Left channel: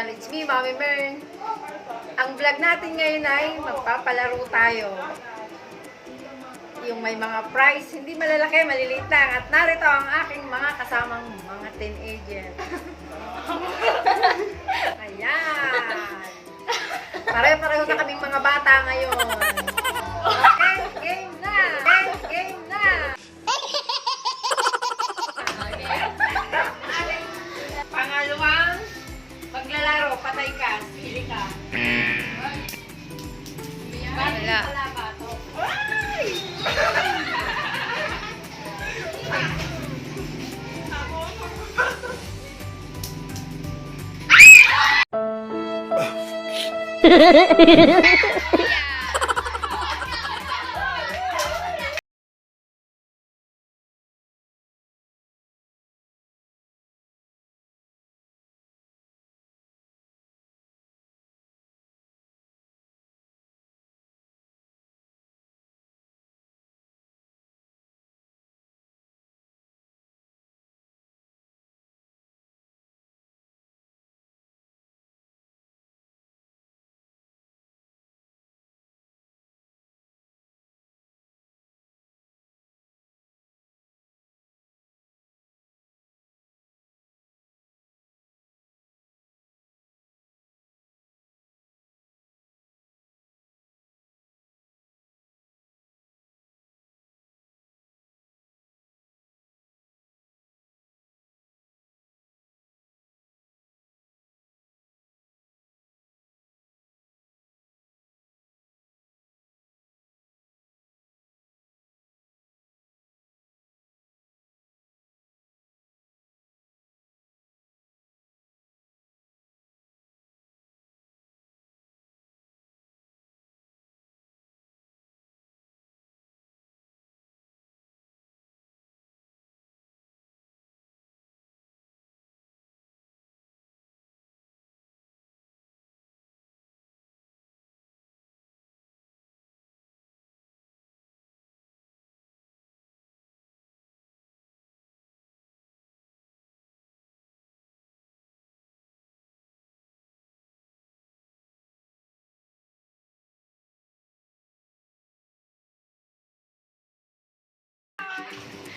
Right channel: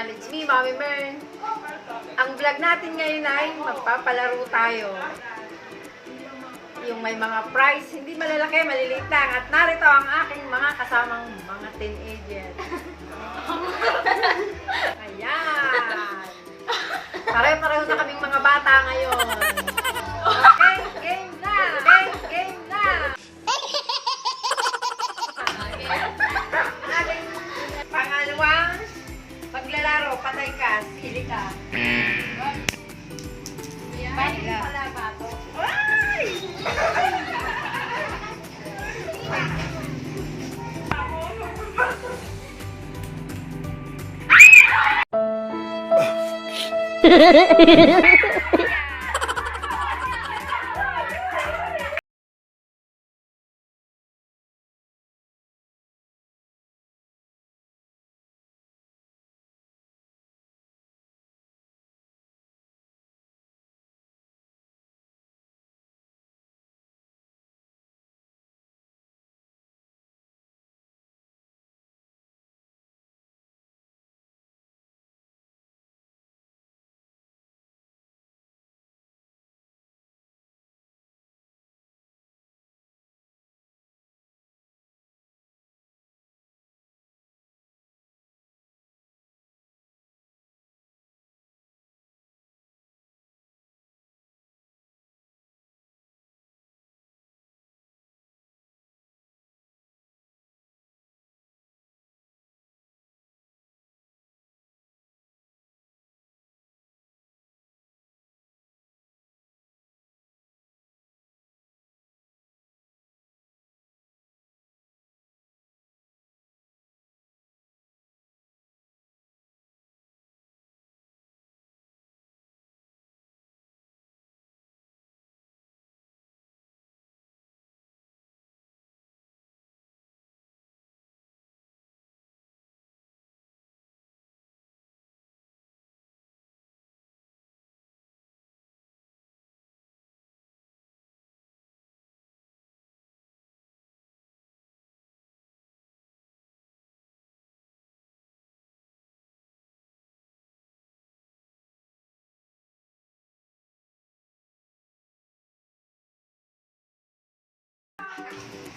channel. It's me, Mami Mern. Ang vlog natin ngayon ay magpapalaro tayo. Yung may mga prize, hindi malalaki, maliliit lang. At narito ang aking mga kasamang mga teenager. Ayan. Pare-pareho na kaming mga bata ngayon. Okay, game na! Game na! Pangalawang paglalaro, patay ka, sili ka. Wala. Ay!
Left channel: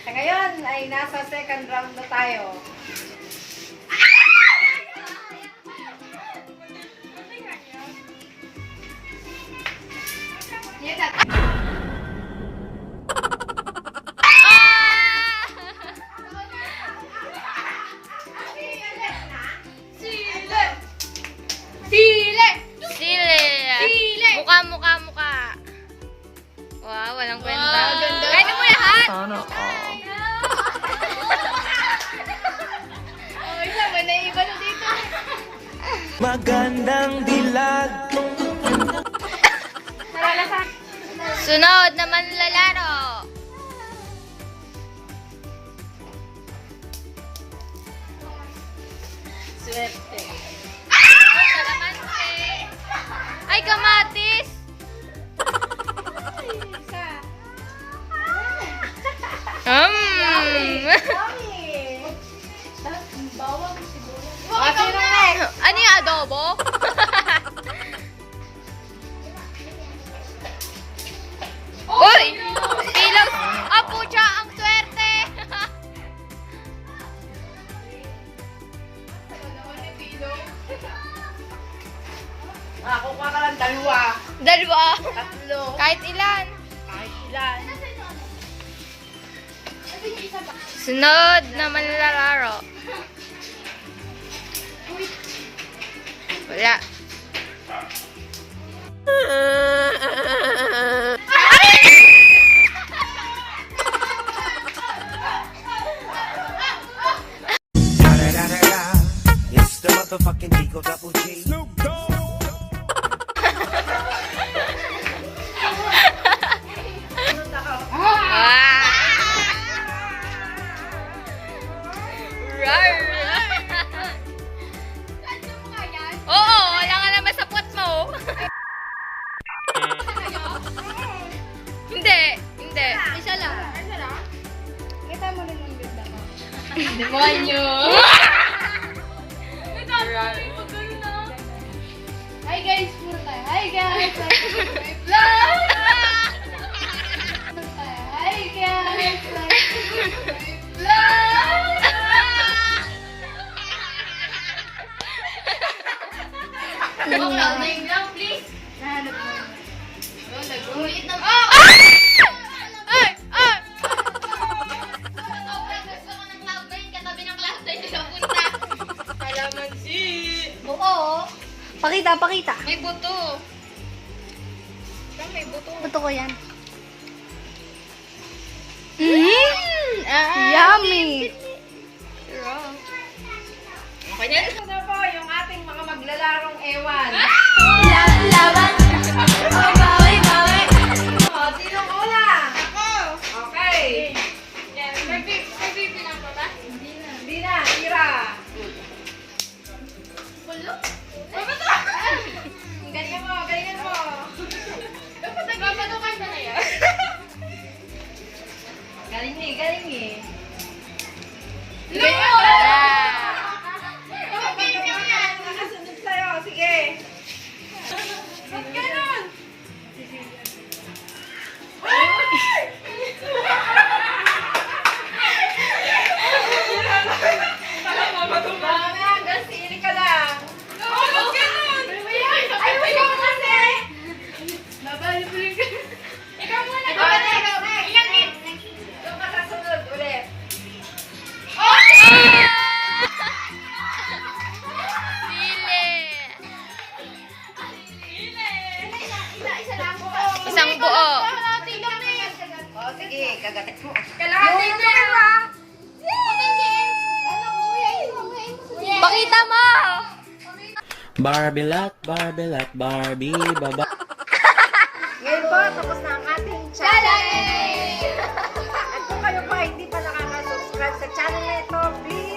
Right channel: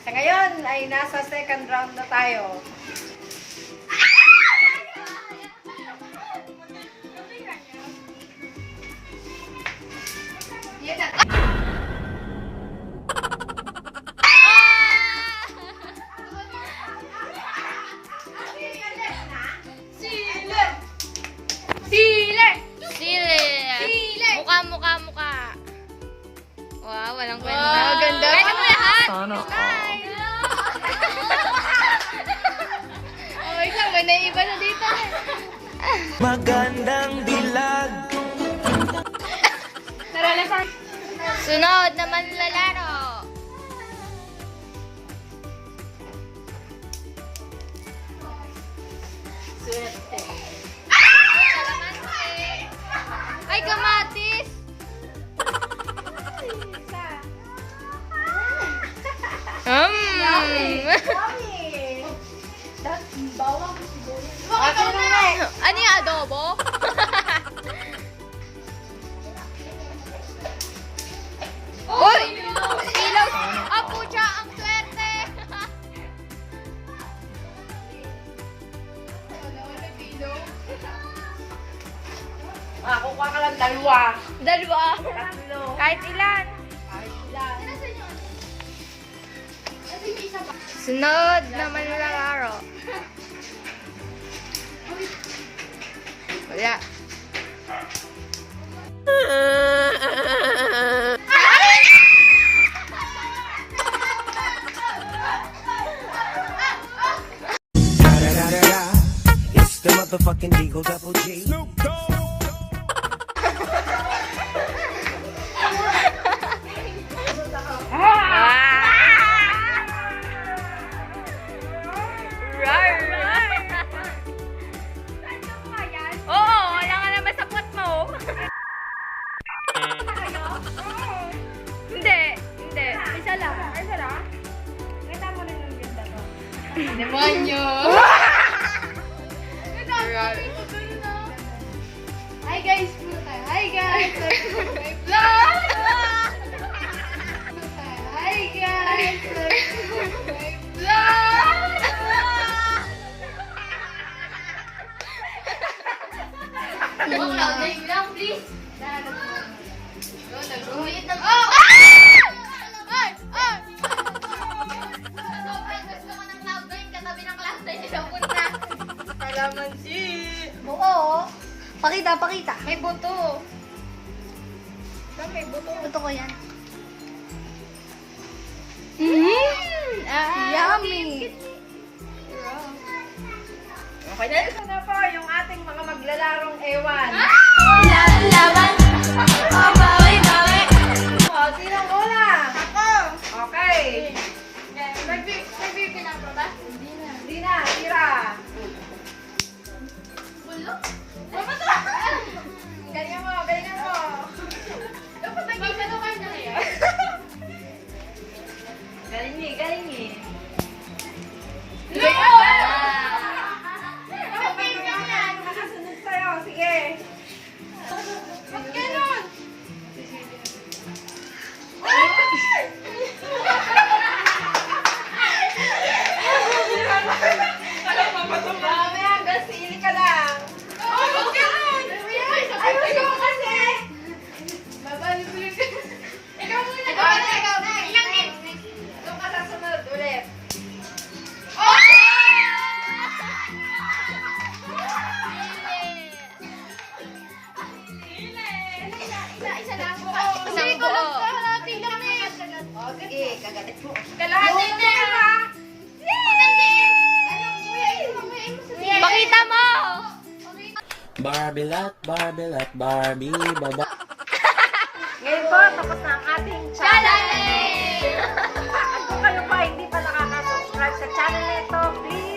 Sa ngayon ay nasa second round na tayo. Mukha. Wow, walang kwenta. Ganda. Kaya mo lahat. Sana all. Ay, naman na iba na dito. Magandang dilag. Sunod naman lalaro. Swerte. Ay, kalamansi. Ay, kamatis. Ano yung adobo? Uy! Ilaw! Ah, pucha! Ang swerte! Makakuha ka lang dalawa. Dalawa! Tatlo. Kahit ilan. Kahit ilan. Sunod naman lalaro. Wala. It's the motherfucking Eagle Double G. Snoop Dogg. Oo, wala nga naman sa puwet mo. Hindi. Isa lang. Kita mo rin ang ganda ko. Demonyo. Hi guys! My vlog! Background na yun lang, please. Umiit na. Oh! Ay! Ay! Gusto ko ng cloud nine, katabi ng cloud nine nila punta. Kalamansi! Buo. Pakita. May buto. Saan may buto? Buto ko yan. Yummy! Okay na. Ito na po yung ating mga maglalarong ewan. Laban. Oh, bawi. O, sinong una? Ako! Okay. Nagpipi na po ba? Hindi na, tira. Bulo? Galingan mo. Papatukan niya na yun. Galing eh. Nakasunod sa'yo, sige. Ba't ganon? Mamaya, hanggang sili ka lang. Ba't ganun? Ay, ikaw kasi! Babalik-balik. Ikaw muna. Ikaw na. Ilang hit? Doon ka sa sunod ulit. Isa lang po. Isang buo. Kalahati lang na yun. O, sige, kagatit mo. Kalahati na. Pakita mo! Barbilat, Barbie, baba. Ngayon po, tapos na ang ating challenge. At kung kayo pa hindi pa nakaka-subscribe sa channel na ito, please